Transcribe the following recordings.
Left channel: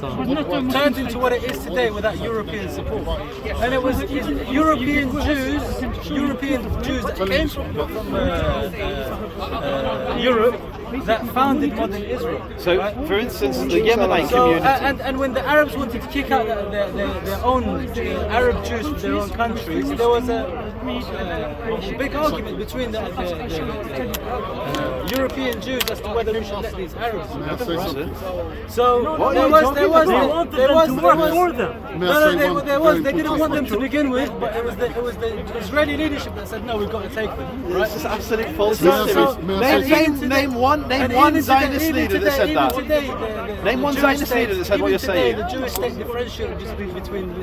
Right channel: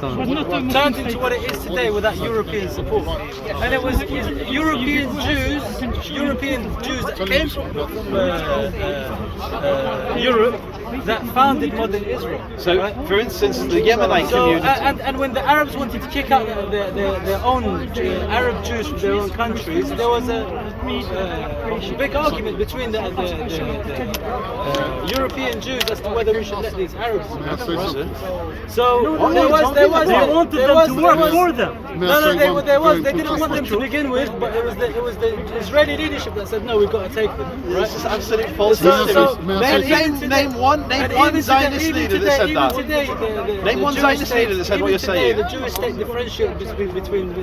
turned into what it is today without European support. And it was European Jews that came from Europe that founded modern Israel. So, right? for instance, the Yemenite community. And when the Arabs wanted to kick out their own Arab Jews from their own countries, there was a big argument between the European Jews as to whether we should let these Arabs in. So there was they didn't want them to begin with, but it was the Israeli leadership that said no, we've got to take them. Right? It's just absolute false. Name one Zionist leader that said that. Name one Zionist leader that said what you're saying. The Jewish state differentiated between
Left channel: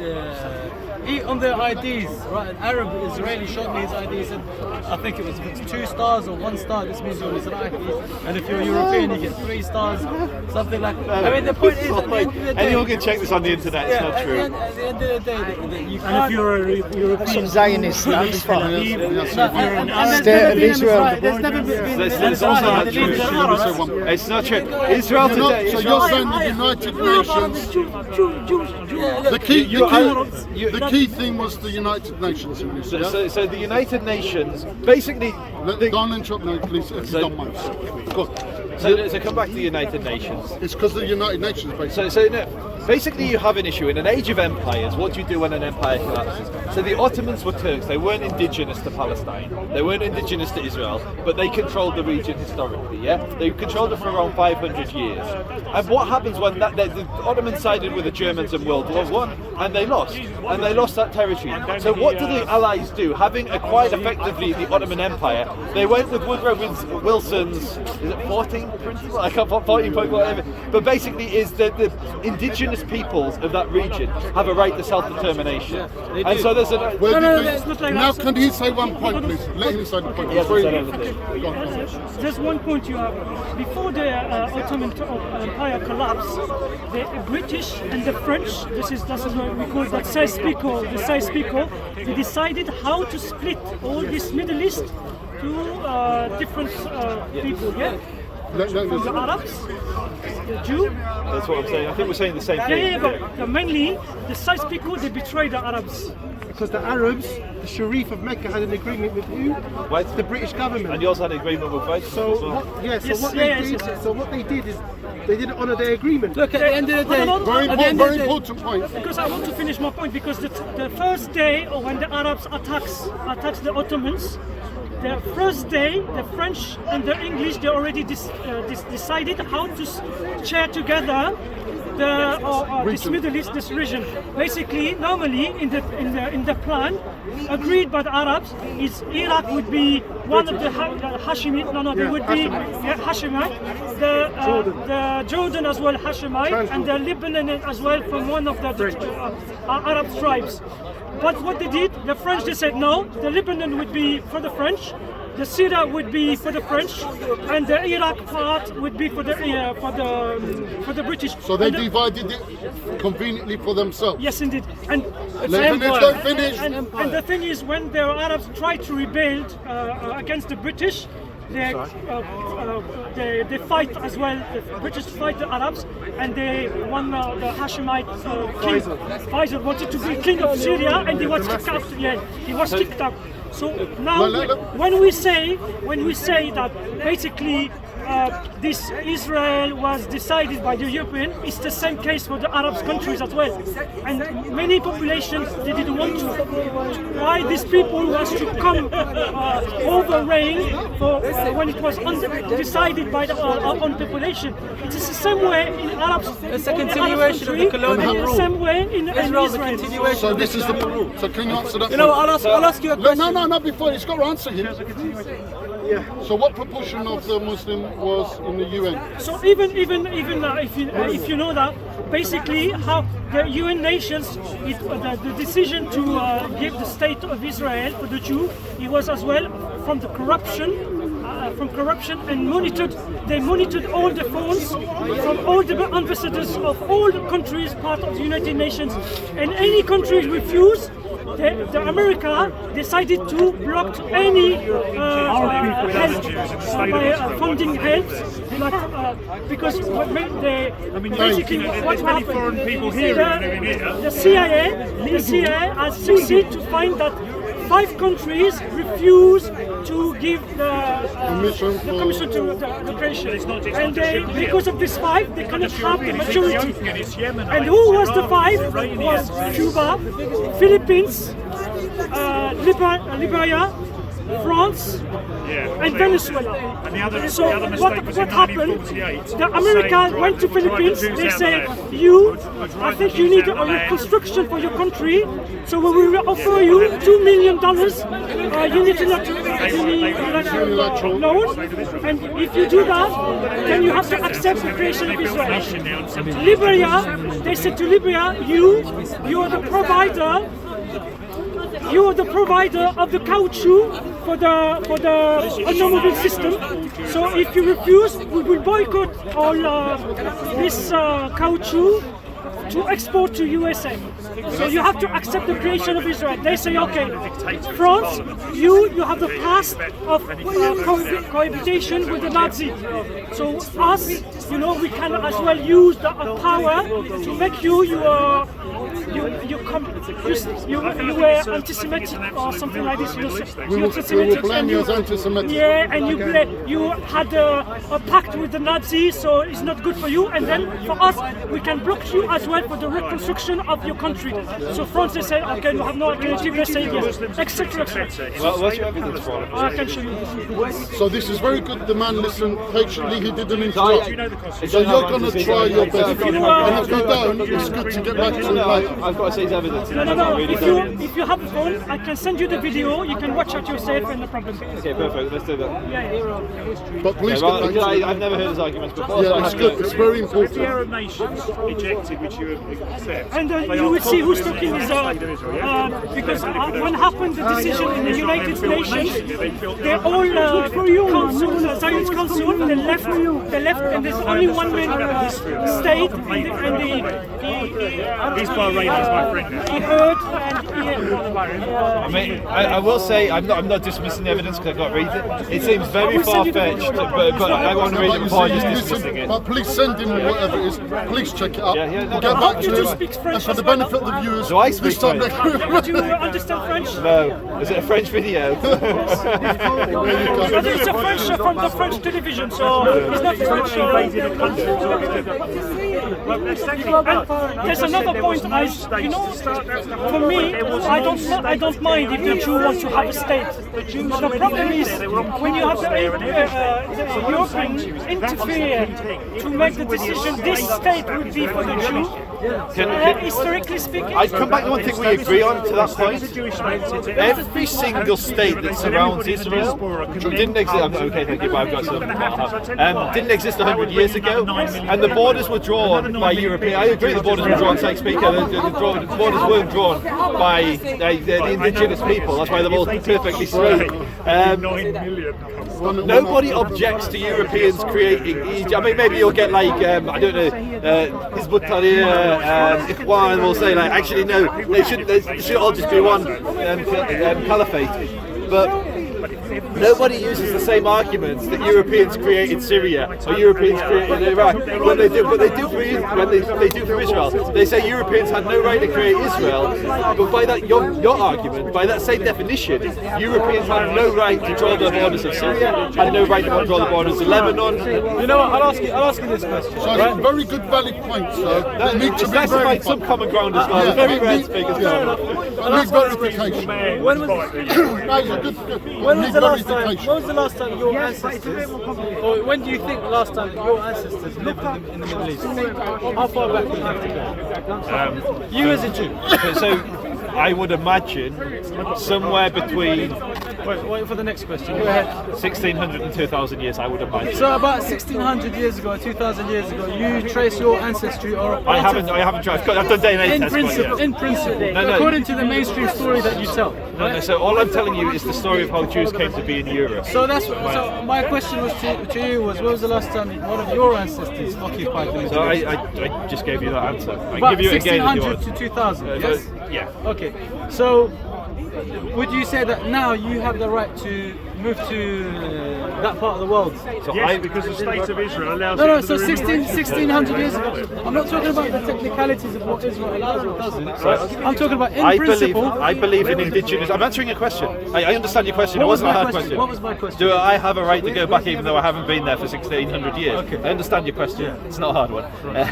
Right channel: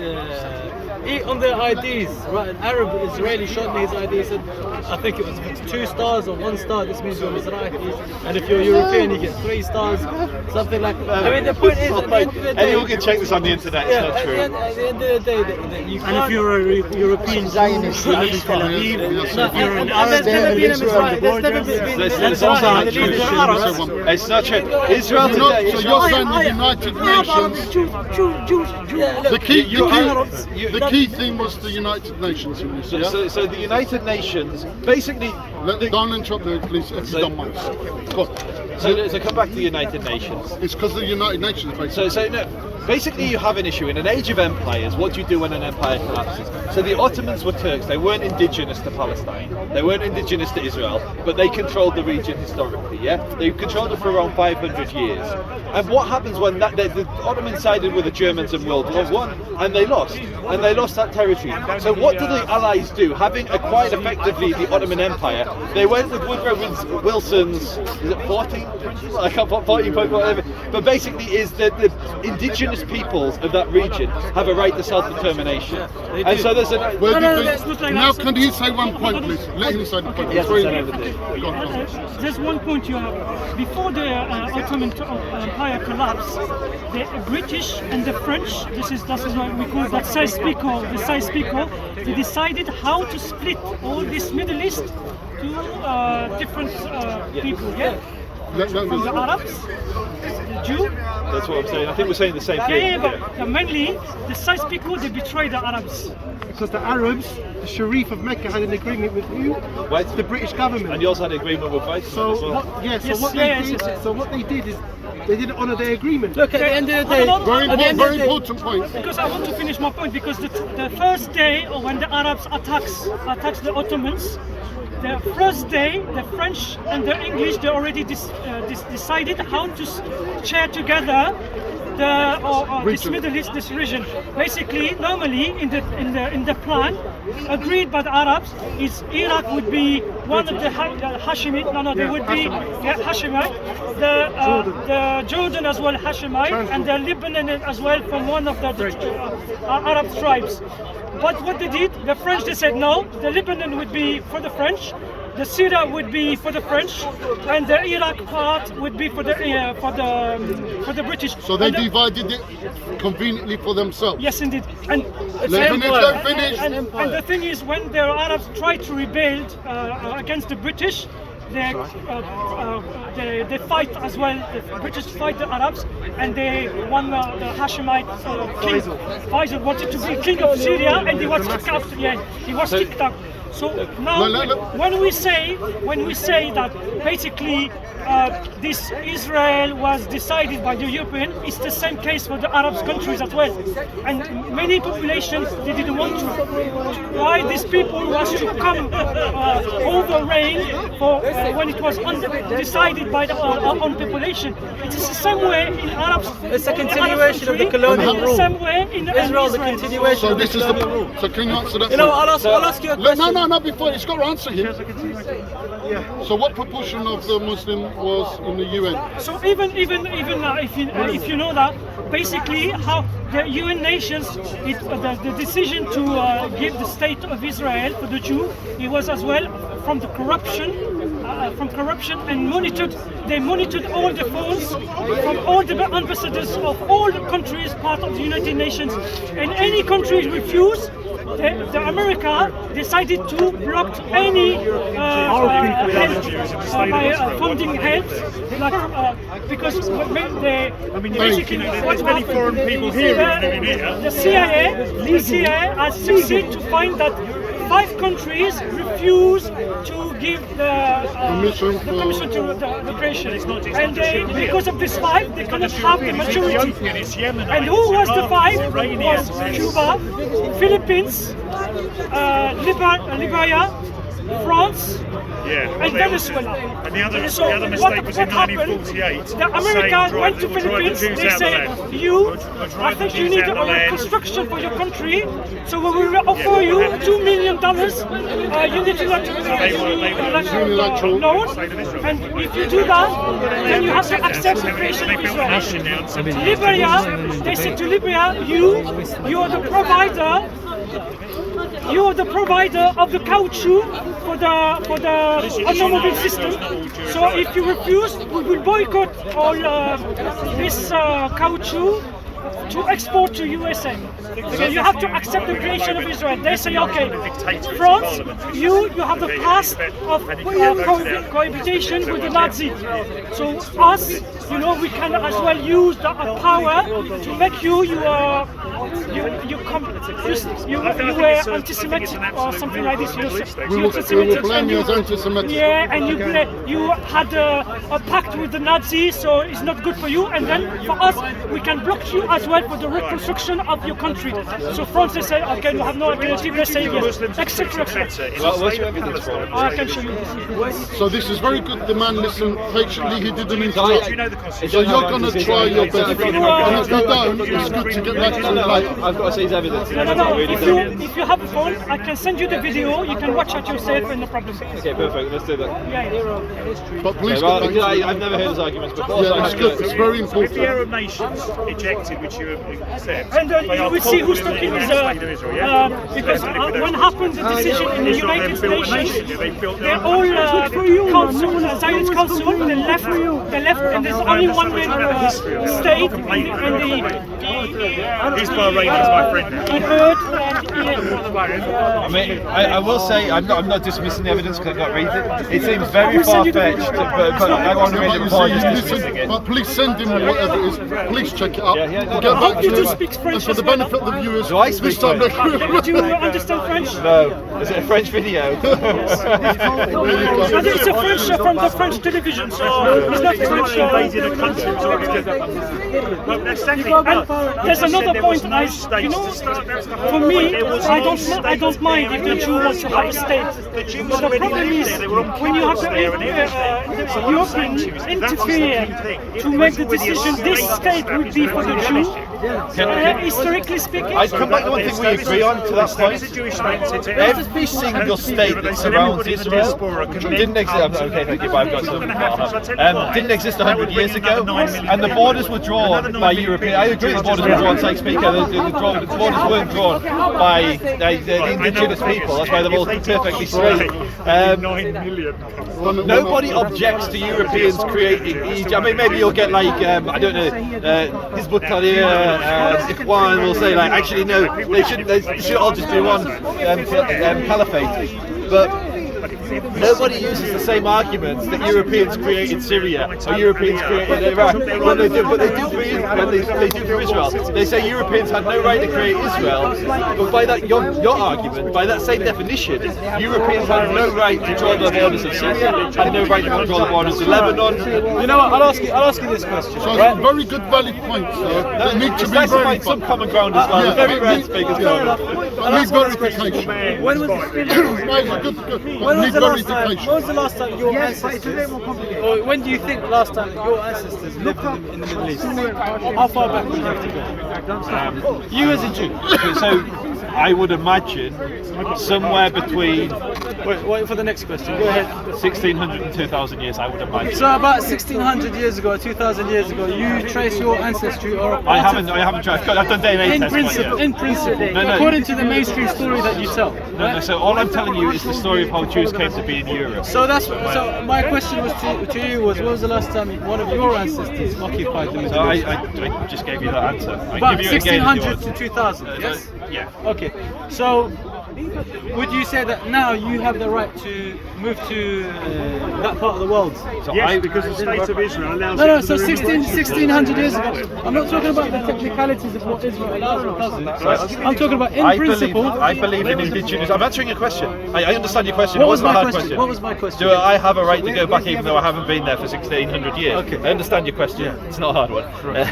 on their IDs, right? An Arab Israeli showed me his ID, said, I think it was 2 stars or 1 star, this means you're Mizrahi. And if you're European, you get 3 stars, something like that. I mean, the point is, at the end of the day... Anyone can check this on the internet, it's not true. At the end of the day, you can't... And if you're a European Zionist, you live in Tel Aviv, and there's never been a Mizrahi, there's never been a Mizrahi. It's not true. Israel today... So you're saying the United Nations... The key thing was the United Nations in this, yeah? So the United Nations, basically... Don't interrupt me, please, if you don't mind. Go on. So come back to the United Nations. It's because of the United Nations, basically. So basically you have an issue. In an age of empires, what do you do when an empire collapses? So the Ottomans were Turks. They weren't indigenous to Palestine. They weren't indigenous to Israel, but they controlled the region historically, yeah? They controlled it for around 500 years. And what happens when the Ottomans sided with the Germans in World War I, and they lost. And they lost that territory. So what do the Allies do? Having acquired effectively the Ottoman Empire, they went with Woodrow Wilson's, is it 14 principle? I can't 14 point whatever. But basically is that the indigenous peoples of that region have a right to self-determination. And so there's a... Now can he say one point, please? Let him say the point. There's one point you have. Before the Ottoman Empire collapsed, the British and the French, that's what we call that Sykes-Picot, they decided how to split all this Middle East to different people, yeah? From the Arabs, the Jew. That's what I'm saying. I think we're saying the same thing. Yeah, but mainly the Sykes-Picot, they betrayed the Arabs. Because the Arabs, the Sharif of Mecca had an agreement with who? Right. The British government. And yours had an agreement with both. So what they did is they didn't honour their agreement. Look, at the end of the day, very important point. Because I want to finish my point, because the first day when the Arabs attacks the Ottomans, the first day, the French and the English, they already decided how to share together this Middle East, this region. Basically, normally in the plan agreed by the Arabs is Iraq would be one of the Hashemite. They would be Hashemite. The Jordan as well Hashemite, and the Lebanon as well from one of the Arab tribes. But what they did, the French, they said no, the Lebanon would be for the French, the Syria would be for the French, and the Iraq part would be for the British. So they divided it conveniently for themselves. Yes, indeed. And the thing is, when the Arabs tried to rebuild against the British, they fight as well. The British fight the Arabs, and they won the Hashemite king. Faisal wanted to be king of Syria, and he was kicked out. Yeah, he was kicked out. So now, when we say that basically this Israel was decided by the European, it's the same case for the Arab countries as well. And many populations, they didn't want to. Why these people was to come over reign for when it was decided by the own population. It is the same way in Arabs. It's a continuation of the colonial rule. The same way in Israel. So this is the rule. So can you answer that? You know, I'll ask you a question. No, before it's got to answer him. Yeah. So what proportion of the Muslim was in the UN? So even if you know that, basically how the UN nations, the decision to give the state of Israel for the Jew, it was as well from corruption, and they monitored all the phones from all the ambassadors of all the countries part of the United Nations, and any country refused. The America decided to block any help by funding help, like because basically what happened, the CIA has succeeded to find that 5 countries refuse to give the permission to the creation, and because of this 5, they cannot have the majority. And who was the 5? Was Cuba, Philippines, Liberia, France, and Venezuela. So what happened? The Americans went to Philippines. They said, I think you need a reconstruction for your country, so we will offer you $2 million unilateral loan, and if you do that, then you have to accept the creation of Israel. Liberia, they said to Liberia, you are the provider. You are the provider of the caoutchouc for the automobile system. So if you refuse, we will boycott all this caoutchouc to export to USA. So you have to accept the creation of Israel. They say, okay, France, you have the past of cohabitation with the Nazis. So us, we can as well use the power to make you were anti-Semitic or something like this. We will blame you as anti-Semitic. Yeah, and you had a pact with the Nazis, so it's not good for you. And then for us, we can block you as well for the reconstruction of your country. So France, they say, okay, you have no alternative. They say yes, etc. Well, what's your evidence for it? I can show you this. So this is very good. The man listened patiently. He didn't interrupt. So you're going to try your best. And if you don't, it's good to get back to it later. I've got to see his evidence. No. If you have a phone, I can send you the video. You can watch it yourself, and no problem. Okay, perfect. Let's do that. Yeah. But please Okay, get back to it. I've never heard his arguments before. Yeah, it's good. It's very important. Arab nations ejected, which you accept. And you will see who's talking is because when happened the decision in the United Nations, they're all council, Zionist council. They left, and there's only one man state, and He's Bahrain, is my friend. he heard and I mean, I will say I'm not dismissing the evidence because I got to read it. It seems very far-fetched, but I want to read it before I just dismissing it. But please send him or whatever it is. Please check it out. No, Get back to him. And for the benefit of the viewers, Do I speak this time French? do you understand French? No, is it a French video? It's a French from the French television, so it's not French. And there's another point. For me, I don't mind if the Jew wants to have a state. But the problem is when you have the Europeans interfere to make the decision, this state would be for the Jew. Historically speaking, I'd come back to one thing we agree on to that point. Every single state that surrounds Israel didn't exist. Okay, thank you, but I've got something. Didn't exist 100 years ago, and the borders were drawn by European. I agree, the borders were drawn. Like speaker, the borders weren't drawn by the indigenous people. That's why they're all perfectly straight. Nobody objects to Europeans creating Egypt. I mean, maybe you'll get like I don't know, Hizbut Tahrir and Ikhwan will say like, actually no, they should all just be one caliphate. But nobody uses the same arguments that Europeans created Syria or Europeans created Iraq. When they do, but they do for Israel. They say Europeans had no right to create Israel. But by that your argument, by that same definition, Europeans had no right to draw the borders of Syria, had no right to draw the borders of Lebanon. You know what? I'll ask you this question. So it's very good, valid points, though. That need to be verified. Some common ground as well. Very rare to speak as well. I need verification. When was the last time your ancestors, or when do you think the last time your ancestors lived in the Middle East? How far back do you have to go? You as a Jew. So I would imagine somewhere between Wait for the next question. Go ahead. 1600 and 2000 years, I would imagine. So about 1600 years ago, 2000 years ago, you trace your ancestry or a part I haven't tried. I've done DNA in tests. principle, in principle, No. according to the mainstream story that you tell. No, so all I'm telling you is the story of how Jews came to be in Europe. So my question was to you was, when was the last time one of your ancestors occupied the Middle So East? I just gave you that answer. I But give you it again. 1600 to 2000, yes? Yeah. Okay, so would you say that now you have the right to moved to that part of the world. So Yes, because the state of Israel allows. No, it so to do 1600 years ago. I'm not talking about the technicalities of what Israel allows or doesn't. Right? I'm talking about in principle. I believe in indigenous. I'm answering your question. I understand your question. What It was wasn't a my hard question? question. What was my question? Do I have a right to go back even though I haven't been there for 1600 years? Okay. I understand your question. It's not a hard one.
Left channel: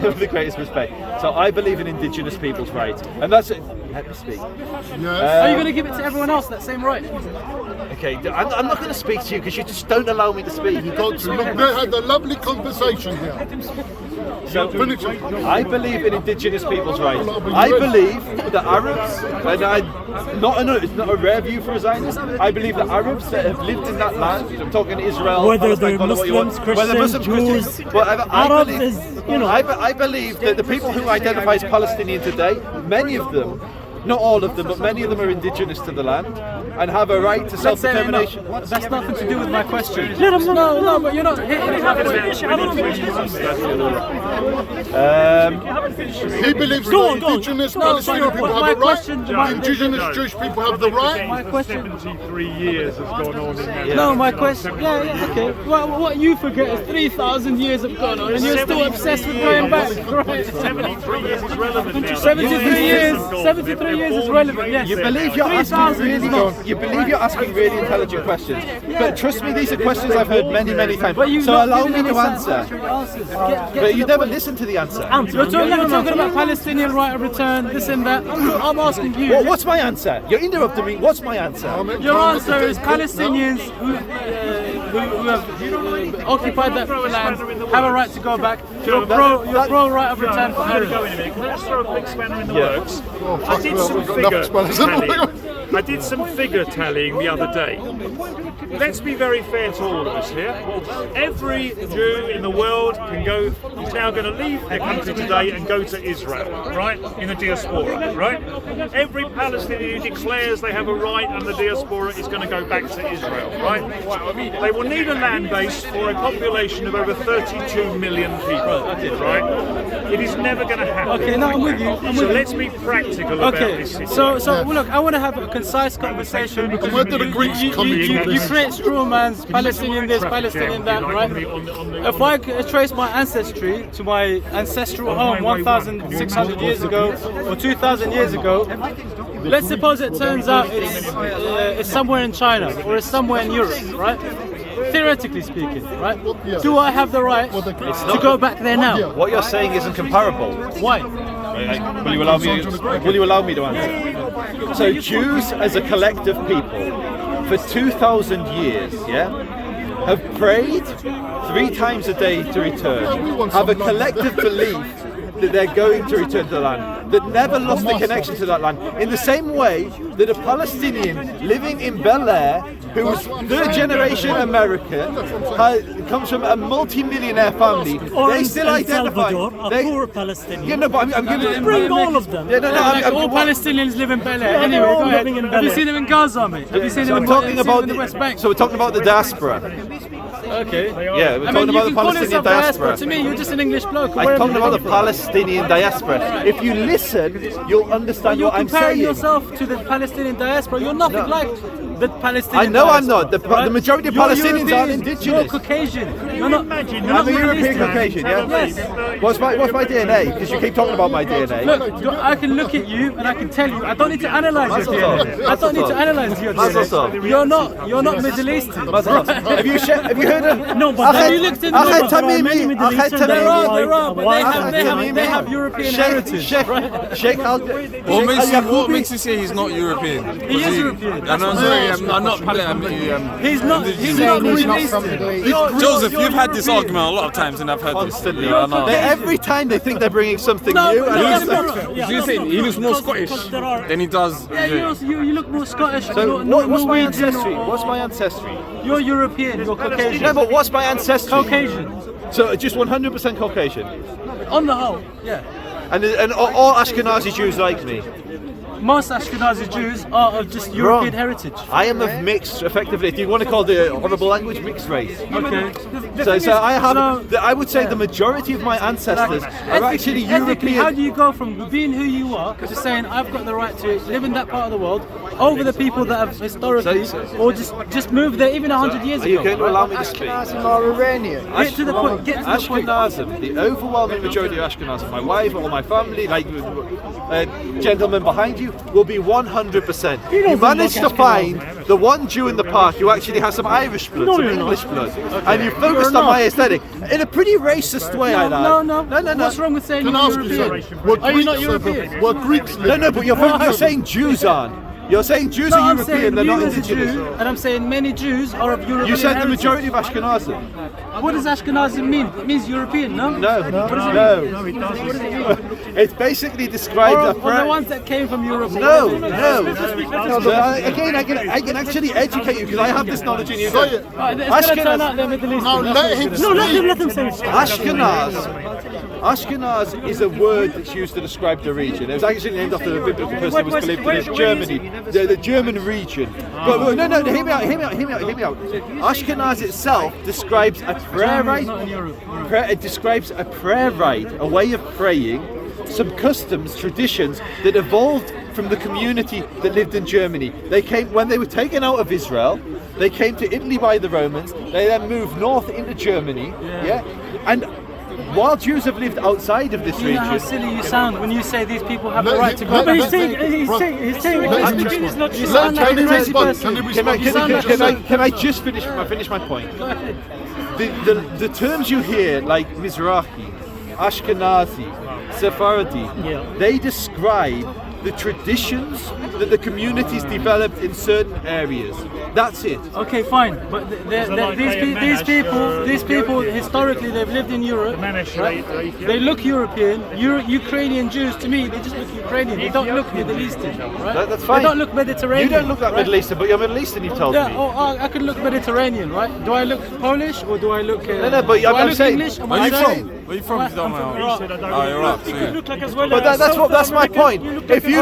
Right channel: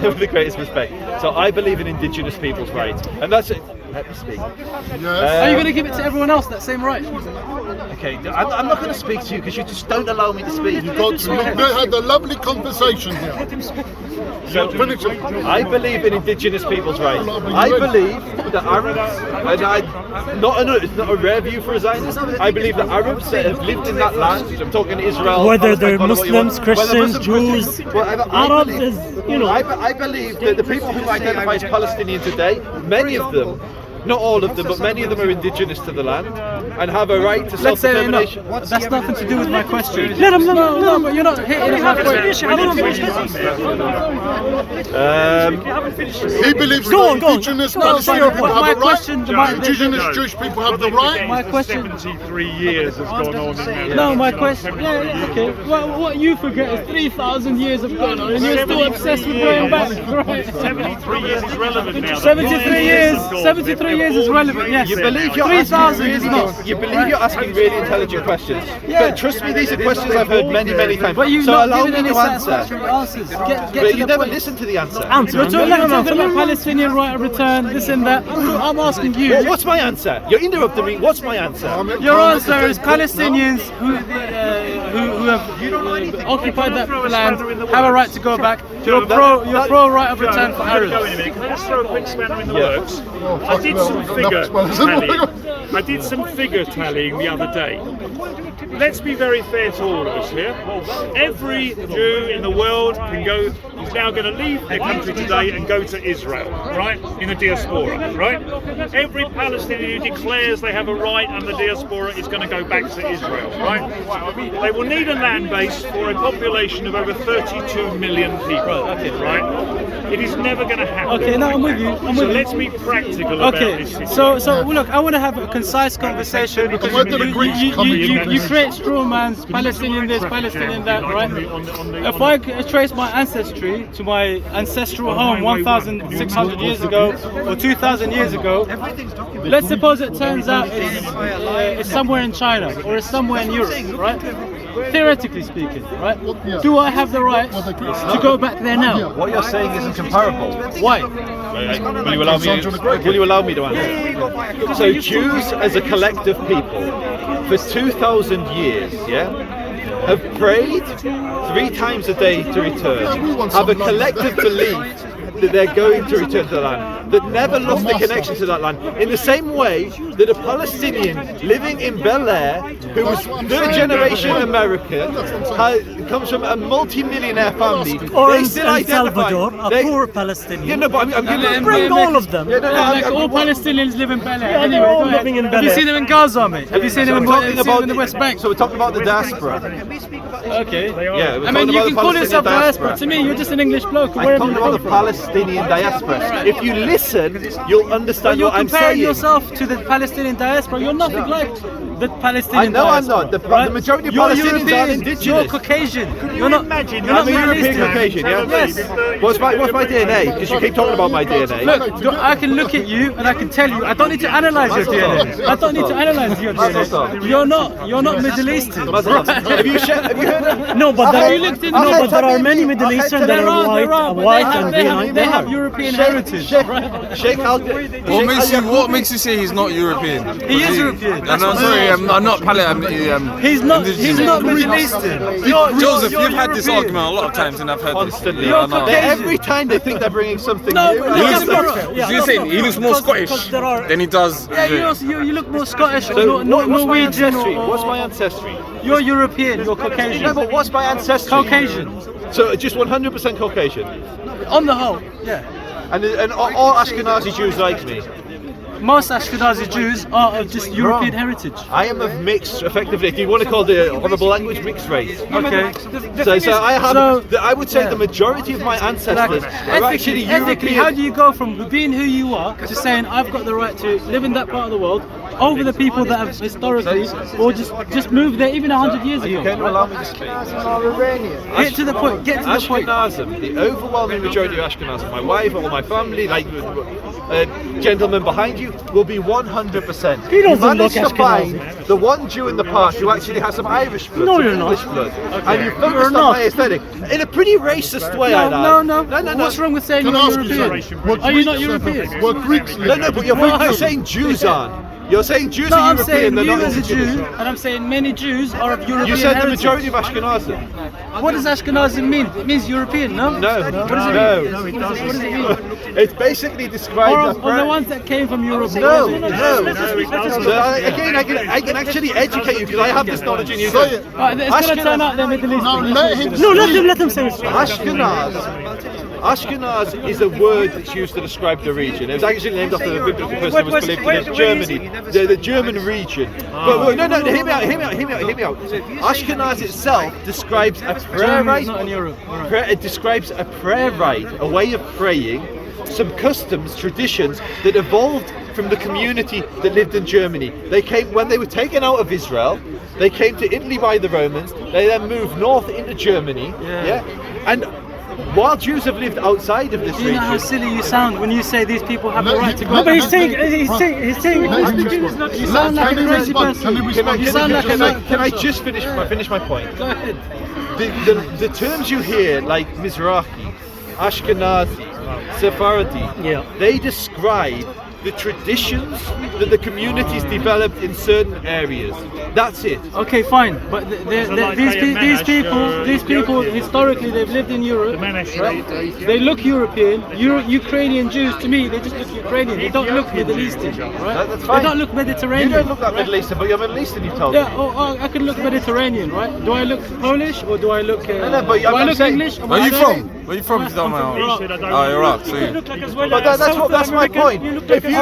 With the greatest respect. So I believe in indigenous people's rights, and that's it. Let me speak. Are you going to give it to everyone else that same right? Okay, I'm not going to speak to you because you just don't allow me to speak. You got to look. They had a lovely conversation here. So, Finish it. I believe in indigenous people's rights. I believe that Arabs, and it's not a rare view for a Zionist, I believe that Arabs that have lived in that land, I'm talking Israel, Whether they're Palestine, call it what you want, Muslims, whether Christians, Muslims, Jews, whatever, Arabs believe- is, you know. I believe that the people who identify as Palestinian today, many of them, not all of them, but many of them are indigenous to the land and have a right to self-determination. That's nothing to do with my question. No, but you're not hitting my He believes Go that on, go on. indigenous No, Palestinian but people my have a question- right. my- Indigenous Jewish people have the right. My question. 73 years has gone on in that. No, my question. Yeah, okay. Well, what you forget is 3,000 years have gone on, and you're still obsessed with going back. Right? 73 years is relevant now. 73 years. 73 years is relevant. Yes. You believe you're asking really intelligent questions, but trust me, these are questions I've heard many times. But you So not allow giving me any to answer. satisfactory answers. Get But to you the never point. listen to the answer. You're talking about Palestinian right of return, this and that. I'm asking you. What's my answer? You're interrupting me. What's my answer? Your answer is Palestinians who have occupied that land have a right to go back. You're pro right of return for I'm going to Arabs. go in a minute. Can I just throw a quick spanner in the works? I did some figure tallying the other day. Let's be very fair to all of us here. Every Jew in the world is now going to leave their country today and go to Israel, right? In the diaspora, right? Every Palestinian who declares they have a right and the diaspora is going to go back to Israel, right? They will need a land base for a population of over 32 million people, right? It is never going to happen. Okay, no, I'm with you. I'm with So you. let's be practical about Okay, this situation. so well, look, I want to have a concise conversation because Where do the Greeks come in? you create straw mans, Palestinian this, Palestinian that, right? If I trace my ancestry to my ancestral home 1,600 years ago or 2,000 years ago, let's suppose it turns out it's somewhere in China or it's somewhere in Europe, right? Theoretically speaking, right? Do I have the right to go back there now? What you're saying isn't comparable. Why? Will you allow me to answer? So Jews as a collective people for 2,000 years, have prayed 3 times a day to return, have a collective belief that they're going to return to the land, that never lost the connection to that land. In the same way that a Palestinian living in Bel Air, who was 3rd generation American, comes from a multi-millionaire family, Or they in still El identify. Salvador, a poor Palestinian. Yeah, no, but I'm going to Bring all of them. All Palestinians live in Bel Air. Yeah, they're all living in Have Bel you Air. seen them in Gaza, mate? Have you seen them in the West Bank? So we're talking about the diaspora. Okay. Yeah, we're I talking mean, you about can the call yourself Palestinian diaspora. diaspora. To me, you're just an English bloke. I'm Wherever talking you about come the from. Palestinian diaspora. If you listen, you'll understand You're what I'm comparing saying. yourself to the Palestinian diaspora. You're nothing like the Palestinian I know diaspora. I'm not. The right? majority of You're Palestinians aren't European, indigenous. You're Caucasian. You're not. I'm a European Caucasian, yeah? Yes. What's my DNA? Because you keep talking about my DNA. Look, I can look at you and I can tell you. I don't need to analyze your DNA. I don't need to analyze your DNA. You're not Middle Eastern. Have you heard of? No, but Have you looked in the no, but there are Tamim, many Middle I'll Eastern. tell There are, but white they have European heritage. Sheikh What makes you say he's not European? He is European. And I'm sorry, I'm not He's not Middle Eastern. Joseph, you've had this argument a lot of times, and I've heard Constantly. this. Yeah, I know. Every time they think they're bringing something No, new. but He that's looks- not fair. So you're saying he looks more Scottish than he does? Yeah, you look more Scottish. So what's my Norwegian. ancestry? What's my ancestry? You're European. You're No, Caucasian. but what's my ancestry? Caucasian. So just 100% Caucasian. On the whole, yeah. And all Ashkenazi Jews like me. most Ashkenazi Jews are of just European heritage. I am of mixed, effectively, if you want to call the honourable language, mixed race. Okay. So I would say the majority of my ancestors are actually Ethically, how European. do you go from being who you are to saying I've got the right to live in that part of the world over the people that have historically or just moved there even 100 years ago? Can you Right? allow me to speak? Get to the point. Get to the point. Ashkenazim, the overwhelming majority of Ashkenazim, my wife, all my family, like gentlemen behind you, will be 100%. You managed to find the one Jew in the past who actually has some Irish blood, some English blood, and you focused on my aesthetic in a pretty racist way. I No. know. What's wrong with saying Can I you're ask you European? something? Were Are you not Greeks European? ever- Were Greeks No, but you're saying Jews aren't. You're saying Jews No, are I'm saying European, they're you not as a indigenous. Jew, and I'm saying many Jews are of European You said the heritage. majority of Ashkenazim. What does Ashkenazi mean? It means European, no? No, What does it no. mean? What does it mean? It's basically described Or the ones that came from Europe. No. So I can actually educate you because I have this knowledge in you. Say it. Right, it's going to turn out they're Middle Eastern. No, let him Let them say it. Ashkenaz is a word that's used to describe the region. It was actually named after the biblical person who was believed to live in Germany, the German region. But look, no, hear me out. Ashkenaz itself describes a prayer rite. It describes a prayer rite, a way of praying, some customs, traditions that evolved from the community that lived in Germany. They came when they were taken out of Israel. They came to Italy by the Romans. They then moved north into Germany. Yeah, and while Jews have lived outside of this You know how region, silly you sound when you say these people have the right to go But back. He's saying You sound like a crazy person. can I just finish my point? The terms you hear, like Mizrahi, Ashkenazi, Sephardi, they describe the traditions that the communities developed in certain areas. That's it. Okay, fine, but these people historically they've lived in Europe. Right? They look European. Ukrainian Jews, to me, they just look Ukrainian. They don't look Middle Eastern, right? That's fine. They don't look You Mediterranean. don't look that right? Middle Eastern, but you're Middle Eastern, you've told Yeah, me. I could look Mediterranean, right? Do I look Polish or do I look? No, but do I I'm look saying- English? Where are you from? Where are you from? I'm from Iraq. Oh, Iraq. So you- But that's my point. If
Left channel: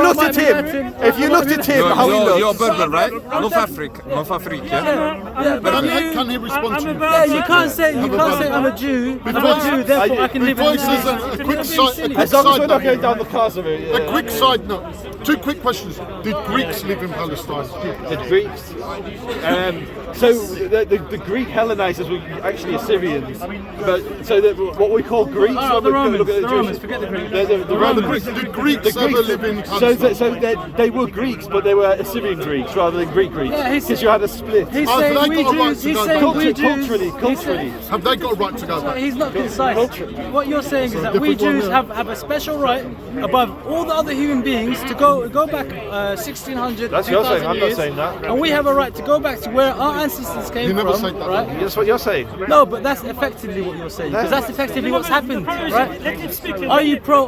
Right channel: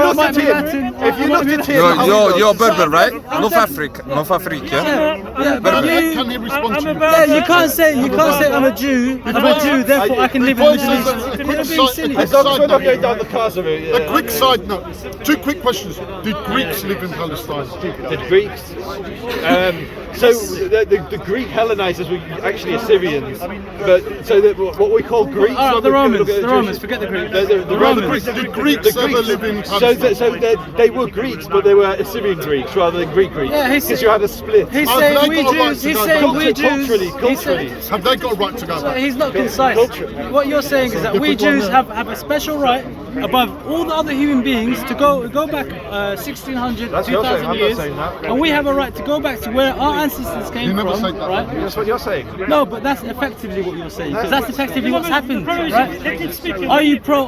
you looked at him, You're Berber, right? North Africa, yeah? Can he respond to you? You can't say I'm a Jew. I'm a Jew, therefore I can live in the A quick side as long as we're not going note. down the cars of it. A quick side note. Two quick questions. Did Greeks live in Palestine? The Greeks. So the Greek Hellenizers were actually Assyrians, but so what we call Greeks. Oh, when the we Romans, look at the Romans, forget the Greeks. The Romans. Did Greeks ever live in So Palestine? they were Greeks, but they were Assyrian Greeks rather than Greek Greeks, Yeah, because you had a split. He's Oh, saying but I we got a right Jews. to He's go saying back. we Jews. Culturally. Have they got a right to go back? He's not concise. What you're saying is that we Jews have a special right above all the other human beings to go back 1600, That's what you're saying, 2000 I'm not years, saying that. and we have a right to go back to where our ancestors came You never from, said that. right? That's what you're saying. No, but that's effectively what you're saying, because that's effectively what's happened, right? Are you pro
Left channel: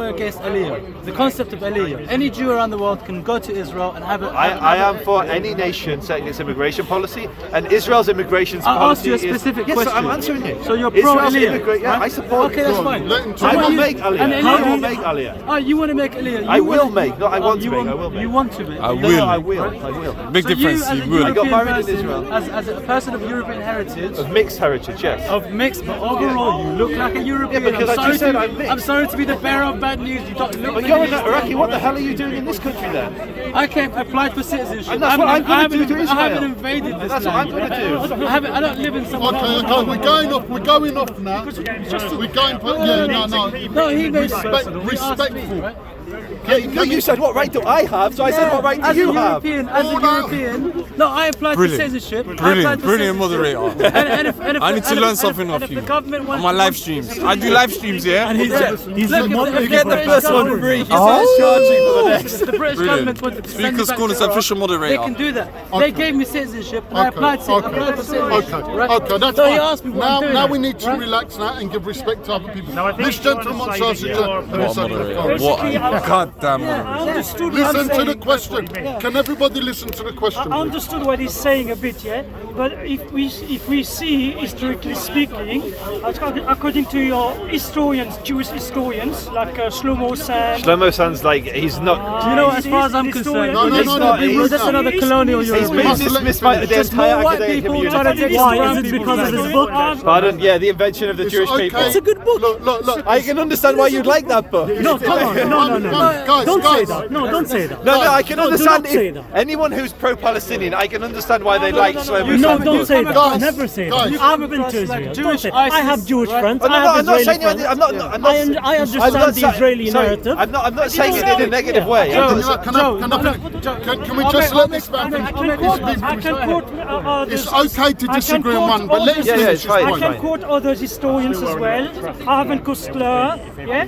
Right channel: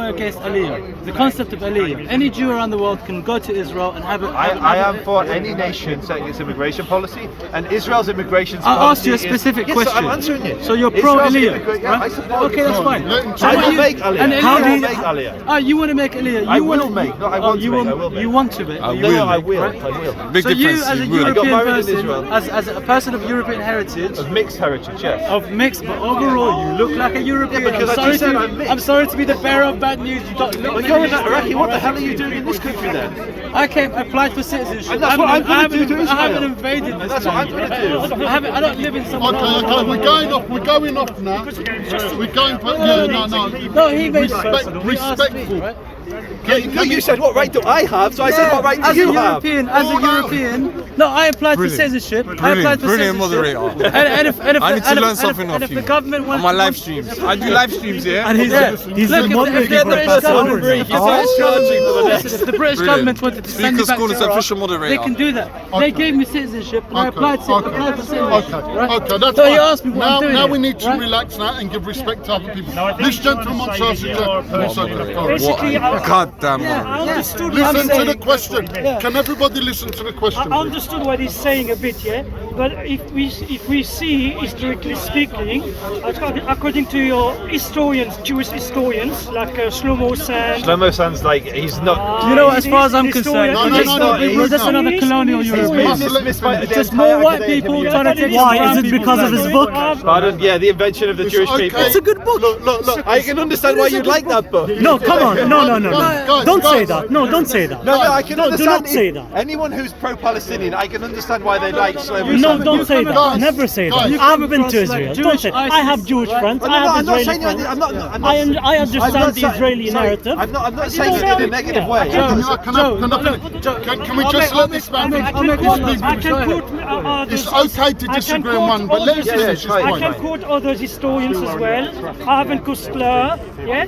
or against Aliyah? The concept of Aliyah. Any Jew around the world can go to Israel and have a. I am for any nation setting its immigration policy, and Israel's immigration policy. I'll ask you a specific yes, question. I'm answering you. So you're pro Israel's Aliyah, immigra- yeah, right? I support Okay, that's Go on, fine. let him I talk. will make Aliyah. And I will Aliyah- make Aliyah. Oh, you want to make Aliyah? I You will want make, not I oh, want to you make, I want, will make. You want to make? I You will. No, I want- will. right? I will. Big So you, difference. as a You will. I got European married in person, Israel. as a person of European heritage, Of mixed heritage, yes. of mixed, but overall you look like a European. Yeah, because I just said I'm mixed. I'm sorry to be the bearer of bad news. You don't look But like you're a in Iraqi, what the hell are you doing in this country then? I came applied for citizenship. And that's what I'm gonna do to I haven't Israel. invaded this That's what I'm land. gonna do. I don't live in someone else's Okay, we're going off. We're going off now. We're going. Yeah, no. No, he made Respectful. But you said what right do I have, so I said what right do as you a have? European, as a European. No, I applied for citizenship. I applied Brilliant, for brilliant citizenship. moderator. And if I need to learn something and off if you. the government On wants my to- live streams. I do live streams, yeah? And he's Look, the moderator if for the the British government, break. if the Starts charging for the next. if the British government wanted to send me Speakers back call to us Iraq, official moderator. they can do that. They gave me citizenship, and I applied for citizenship. Right? Okay, that's So he fine. asked me what I'm doing Now we here, need to right? relax now and give respect to other people. No, I think This you gentleman should wants say to ask that you you're- to- What are you Goddamn. I understood what Listen he's to the saying. question. Can everybody listen to the question? I understood what he's saying a bit, yeah. But if we see historically speaking, according to your historians, Jewish historians like Shlomo San. Shlomo sounds like he's not. You know, as far as I'm concerned, No, it's just another colonial European. It's Just more white people trying to take some brown people's land. his book? Pardon? Yeah, The Invention of the Jewish People. It's a good book. Look. I can understand why you'd like that book. No, come on, no. Guys, Don't say guys. that. No, don't say that. No, I can No, do understand. not say that. Anyone who's pro-Palestinian, I can understand why they like Shlomo. No, don't say that. Guys, Never say that. guys. I've been to Israel. Don't Jewish say. I have Jewish friends. I have I'm not Israeli saying friends. I'm not. I understand the Israeli narrative. I'm not saying it in a negative way. Can we just let this man finish? I can quote others. It's okay to disagree on one, but let him finish his I point. can quote other historians as well. Arvin Kustler, yeah?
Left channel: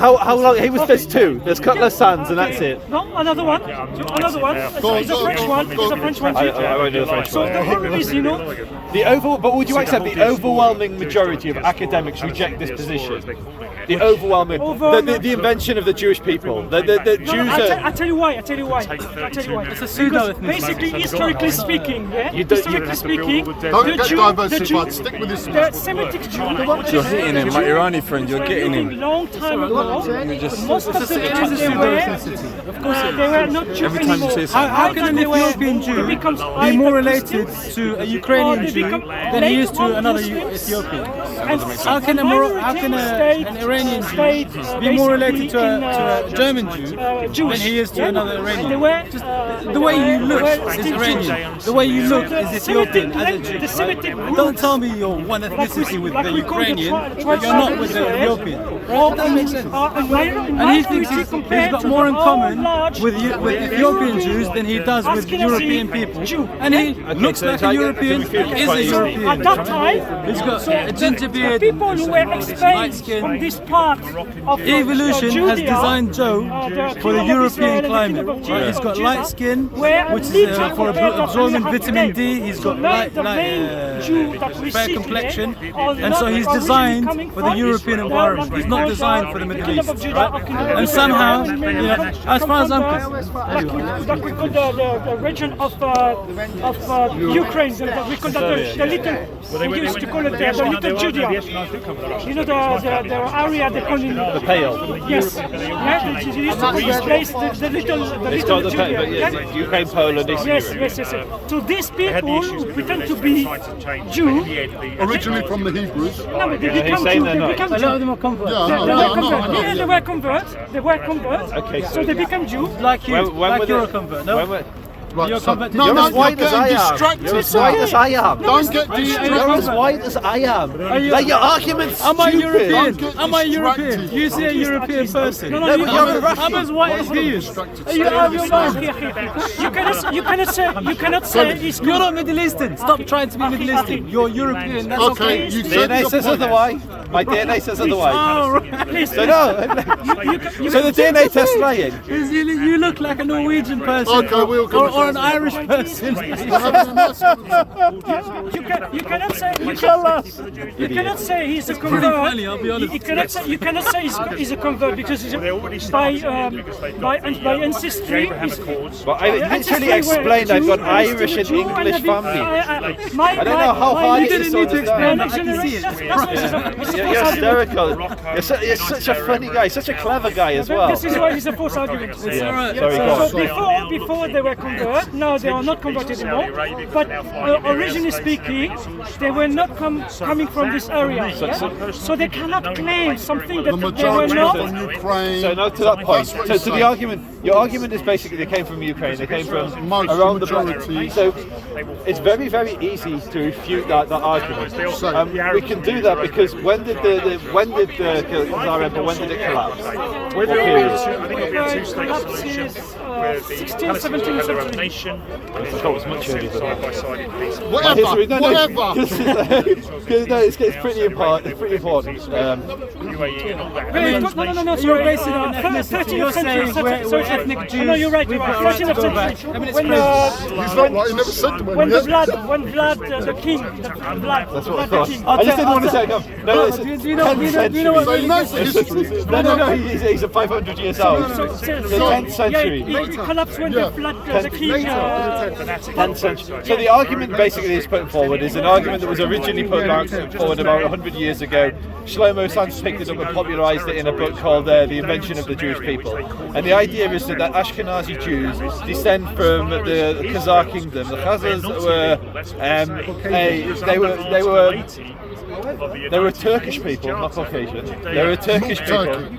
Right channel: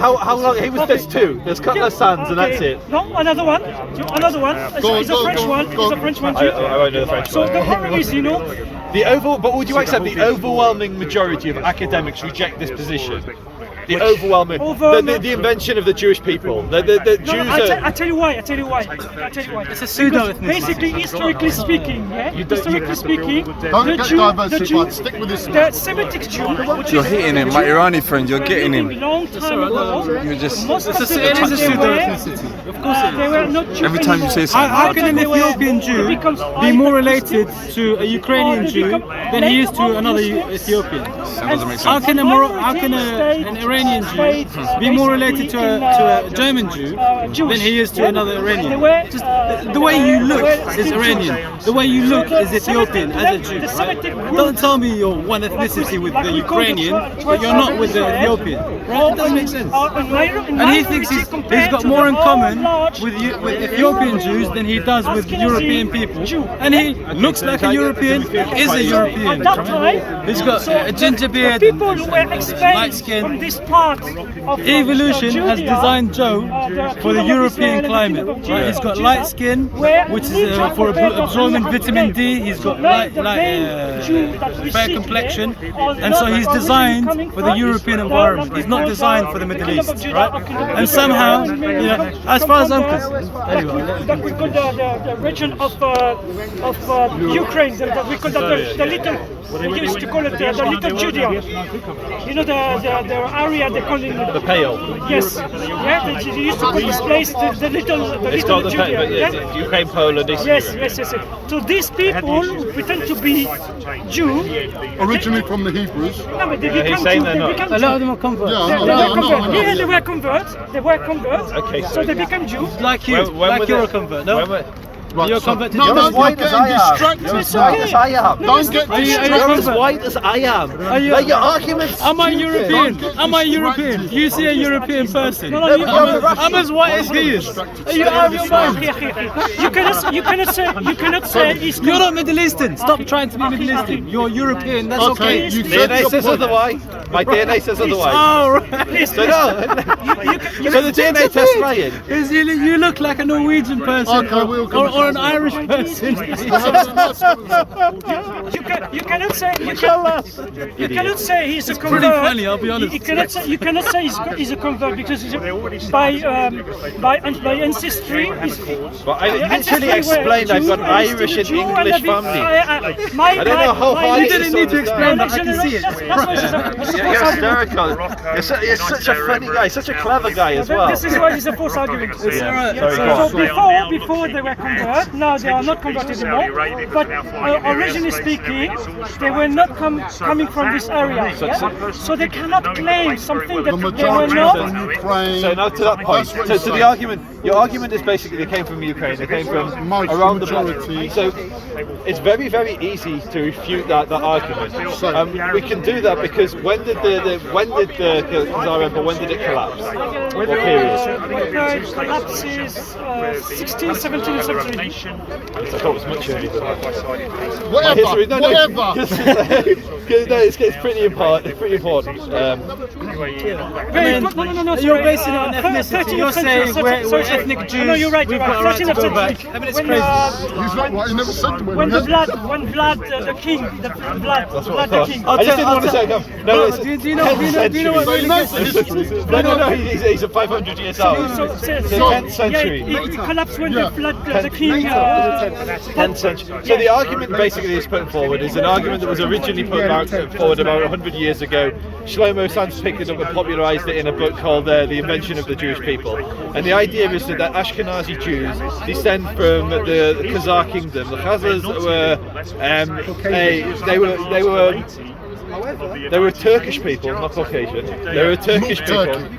How long? He was this too. There's Cutler Sands, and that's it. No, another one. It's a French one. It's a French one too. I won't know the French So one. the problem is, But would you accept the overwhelming majority of academics reject this position? The overwhelming, the invention of the Jewish people. The Jews I tell you why. It's a pseudo because basically, historically speaking, Don't get diversity, but stick with this. the Semitic Jews, You're hitting him, my Irani friend. You're getting him. long time ago, You're just. most of the It is a pseudo-ethnicity. Of course it they is. were not Jews Every time you say anymore. something. How can an Ethiopian Jew be more related to a Ukrainian Jew than he is to another Ethiopian? How can an Iranian Jew be more related to a German Jew than he is to another Iranian? The way you look is Iranian. The way you look is Ethiopian as a Jew. Right? Don't tell me you're one ethnicity with the Ukrainian, but you're not with the Ethiopian. Right? It doesn't make sense. And he thinks he's got more in common with Ethiopian Jews than he does with European people. And he looks like a European, is a European. At that time, He's got a ginger beard, people who were light expelled skin. from this part of Evolution has Judea, designed Joe for the European climate. Right? Right? He's got light skin, which is for absorbing vitamin D. He's got fair complexion, and so he's designed for the European environment. He's not designed for the Middle East. Right? And somehow, as far as I'm concerned, that we call the region of Ukraine, that we call that the little, we used to call it the little Judea. You know the area they call it the Pale. Yes, right. They used to call this place the little Judea. Yeah? Ukraine, Poland, Eastern Yes. So these people who pretend to be Jew, Originally from the Hebrews. no, but they he's become saying Jew. they're They not. become a Jew. lot of them are converts. Yeah, they were converts. Okay, So they become Jew. Like you, like you're a convert. No, Right, you're a so, convert. no, You're no, as you're white as I getting am. distracted. You're as white as I am. Don't get You're distracted. as white as I am. Like your arguments. Am I stupid. European? Don't Am I get European? distracted. You see a European person. I'm as white as he is. Are you out of your mind? You cannot say he's You're not Middle Eastern. Stop trying to be Middle Eastern. You're European. That's Okay, okay. you said DNA your says point. otherwise. My DNA says otherwise. Oh, right. So no. So the DNA test lying. You look like a Norwegian person Okay, we'll go or an Irish person. You cannot say he's a convert. Pretty funny, I'll be honest. You cannot say he's a convert because he's by ancestry. But I literally explained I've got Irish and English family. I don't know how hard You it is didn't to need to explain understand. that. I can see it. You're hysterical. You're such a funny guy, such a clever guy as well. This is why it's a false argument. So before they were converted, now they are not converted anymore. But originally speaking, they were not coming from this area. Yeah? So they cannot claim something that The they were majority not. from Ukraine. So now to that point, That's what so he's to the saying. argument, your argument is basically they came from Ukraine, they came from Most around the majority. So it's very, very easy to refute that argument. We can do that because when did it collapse? What period? Collapses 16, 17, 17. I thought it was much earlier than that. Whatever, History, no, whatever. no, it's pretty important. It's pretty important. No, You're basing it on ethnicity. You're saying we're ethnic Jews. No, you're right. We've got a right to go back. I mean, it's When, crazy. He's not right, he never said to when him. Vlad the king, That's what I Vlad the thought. king. I just didn't want to say no. No, it's Do you know what? So he knows the history. No, he's a 500 years old. So, The 10th century. Yeah, it collapsed when the flood, the king. 10th century. So the argument basically he's putting forward is an argument that was originally put forward about 100 years ago. Shlomo Sands picked it up and popularised it in a book called The Invention of the Jewish People. And the idea is that Ashkenazi Jews descend from the Khazar kingdom. The Khazars they were Turkish people, not Caucasian. They were Turkish people.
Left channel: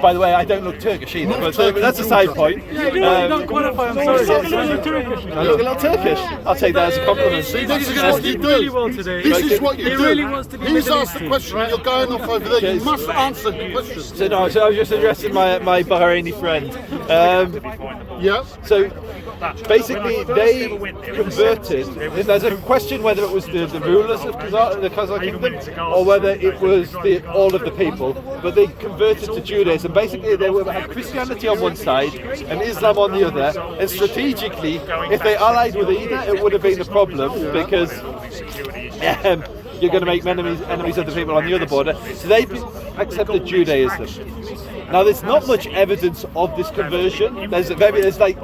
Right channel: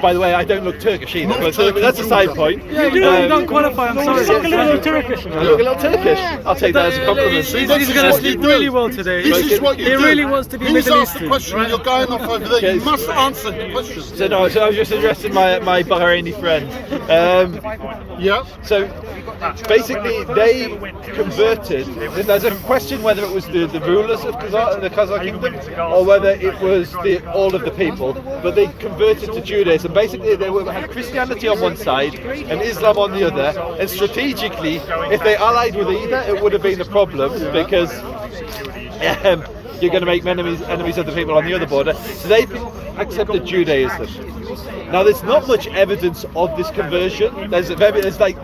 By the way, I don't look Turkish either, but that's a side point. You do not qualify, I'm sorry. You look a little Turkish. I look a little Turkish. I'll take that as a compliment. He's going to sleep really well today. This is what you He do. really wants to be He's Middle asked the Eastern, question, right? you're going off over there. You must answer the question. So I was just addressing my Bahraini friend. Yeah. So basically, they converted. There's a question whether it was the rulers of the Khazar kingdom or whether it was all of the people. But they converted to Judaism. Basically, they had Christianity on one side and Islam on the other. And strategically, if they allied with either, it would have been a problem because you're going to make enemies of the people on the other border. So they accepted Judaism. Now, there's not much evidence of this conversion. There's like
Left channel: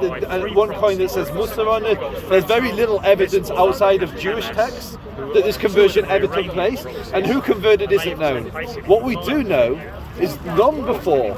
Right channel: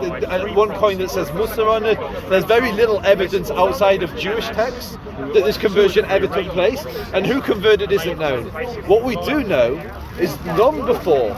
one coin that says Musa on it. There's very little evidence outside of Jewish texts that this conversion ever took place, and who converted isn't known. What we do know is long before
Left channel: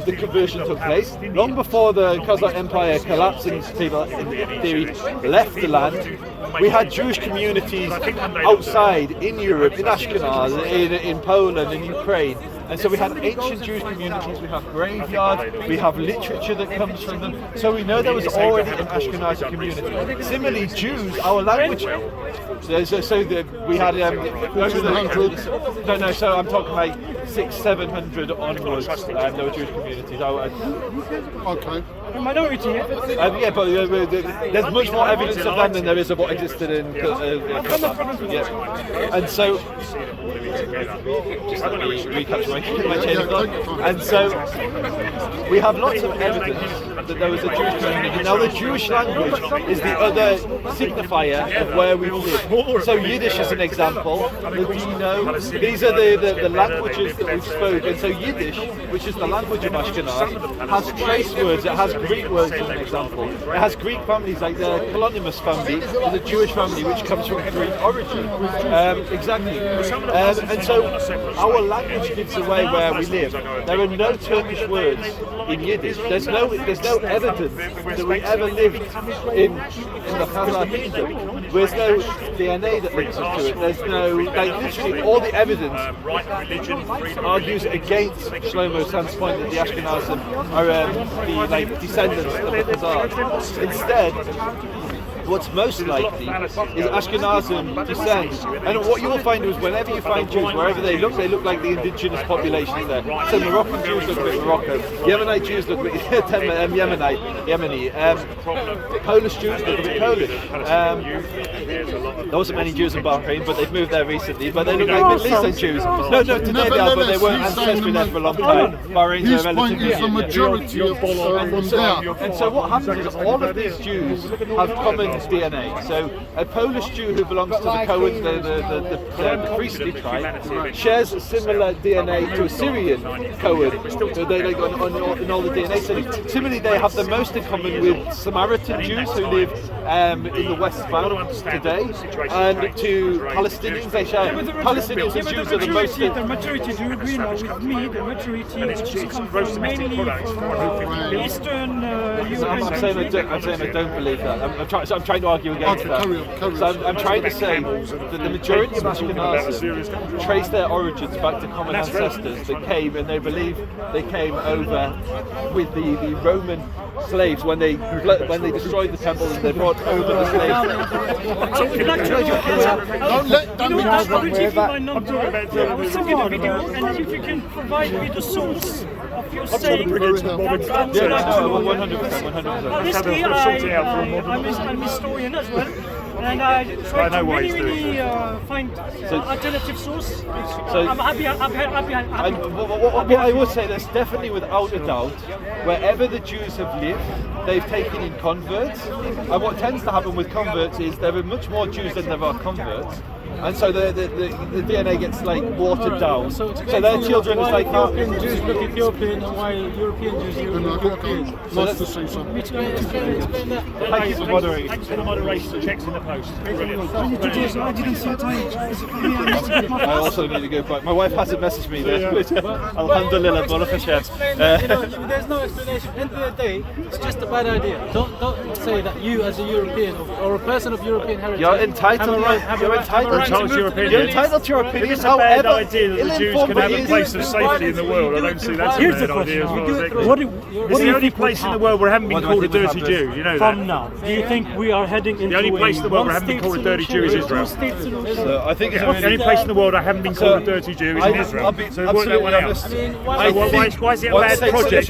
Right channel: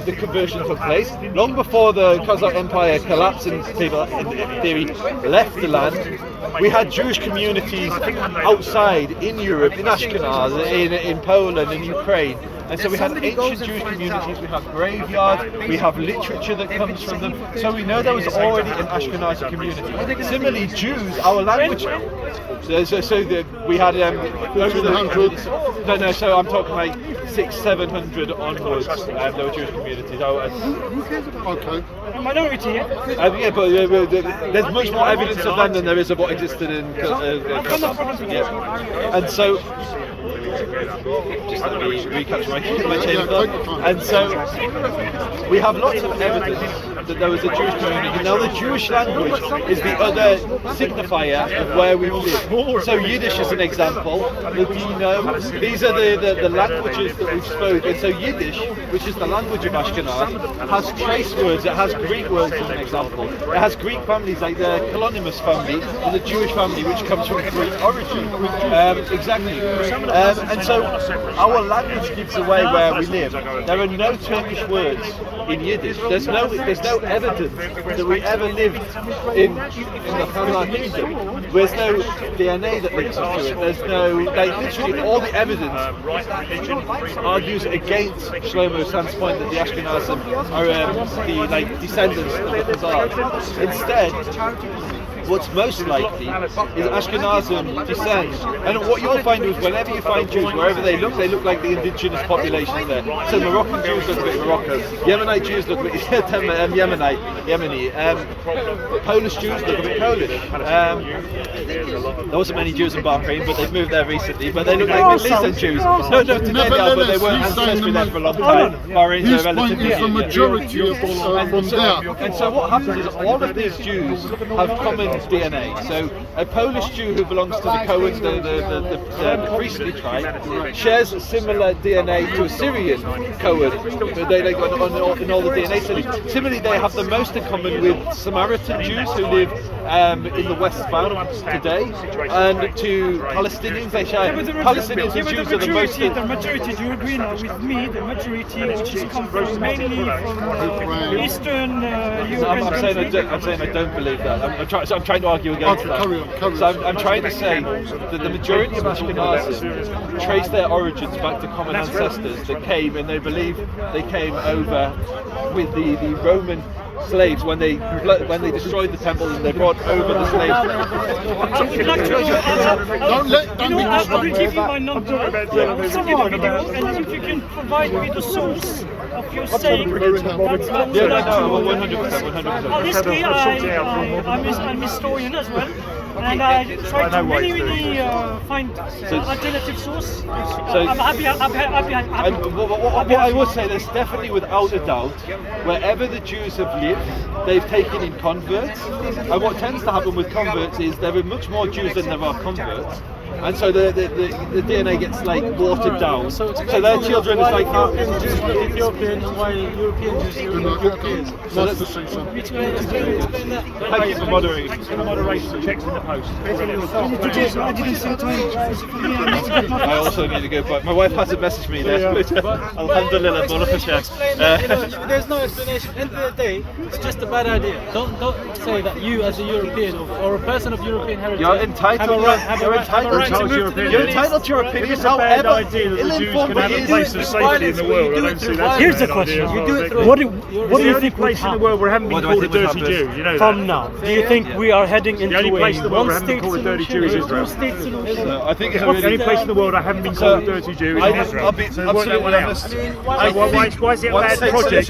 the conversion took place, long before the Khazar Empire collapsed and people, in theory, left the land, we had Jewish communities outside in Europe, in Ashkenaz, in Poland, in Ukraine. And so we had ancient Jewish communities, we have graveyards, we have literature that comes from them. So we know there was already an Ashkenazi community. Similarly, Jews, our language. We had 1800s. No. So I'm talking like 600-700 onwards. There were Jewish communities. Okay. Minority, yeah? Yeah, but there's much more evidence of them than there is of what existed in. And so. Just let me recapture my chain of thought. And so we have lots of evidence that there was a Jewish community. Now the Jewish language is the other signifier of where we live. So Yiddish is an example. Do you know? These are the languages that we've spoken. So Yiddish, which is the language of Ashkenaz, has trace words. It has Greek words as an example. It has Greek families like the Kalonymus family, the Jewish family, which comes from Greek origin. Exactly. And so our language gives away where we live. There are no Turkish words in Yiddish. There's no evidence that we ever lived in the Khazar kingdom. There's no DNA that links us to it. There's no, literally all the evidence argues against Shlomo Sands' point that the Ashkenazim are the descendants of the Khazars. Instead, what's most likely is Ashkenazim descend. And what you'll find is whenever you find Jews, wherever they look like the indigenous populations there. So Moroccan Jews look a bit Moroccan, Yemenite Jews look a bit Yemeni, Polish Jews look a bit Polish. There wasn't many Jews in Bahrain, but they've moved there recently, but they look like Middle Eastern Jews. No, today they are, but they weren't ancestry there for a long time. Bahrain's his point is the majority of from there. And so what happens is all of these Jews have common DNA. So a Polish Jew who belongs to the Cohens, the priestly tribe, shares similar DNA to a Syrian Cohen. They got in all the DNA. So similarly, they have the most in common with Samaritan Jews who live in the West Bank today, and to Palestinians. They share Palestinians and Jews are the most. The majority, do you agree now with me? The majority, which is come from mainly from Eastern Europe. I'm saying I don't believe that. I'm trying to argue against that. So I'm trying to say that the majority of Ashkenazim trace their origins back to common ancestors that came, and they believe they came over with the Roman slaves when they destroyed the temple and they brought over the slaves. Don't be I will distracted. give you my number. I will send you the video, and if you can provide me the source of your saying, that I would like to know. 100%. Honestly, I'm a historian as well, and I try to really find alternative source. I'm happy. What I would say, there's definitely, without a doubt, wherever the Jews have lived, they've taken in converts. And what tends to happen with converts is there are much more Jews than there are converts. and so the DNA gets like watered down. So their children is like Jews look Ethiopian and why European Jews look European. Nice to see some. Explain that. Thank you for moderating. Thanks for the moderation. Checks in the post. I didn't see the time. I also need to go back. My wife hasn't messaged me there. Alhamdulillah, There's no explanation. At the end of the day, it's just a bad idea. Don't say that you, as a European or a person of European heritage, You're entitled. have a right to move to the You're Middle East. entitled to your If opinion. it's a bad However, idea that the Jews can ill-informed have a it place of is. safety in the world, I don't see that. Here's the question. You do it through. What do It's you the only think would place in the happen world where I haven't been What do I called a think would dirty happen? Jew. You know from that. now? Do you think we are heading into The only place in a the world where I haven't been one-state called a dirty solution Jew is or a Israel. two-state solution? I think The only place in the world I haven't been called a dirty Jew is in Israel. I'll be So work that absolutely one out. honest. So why is it a bad project?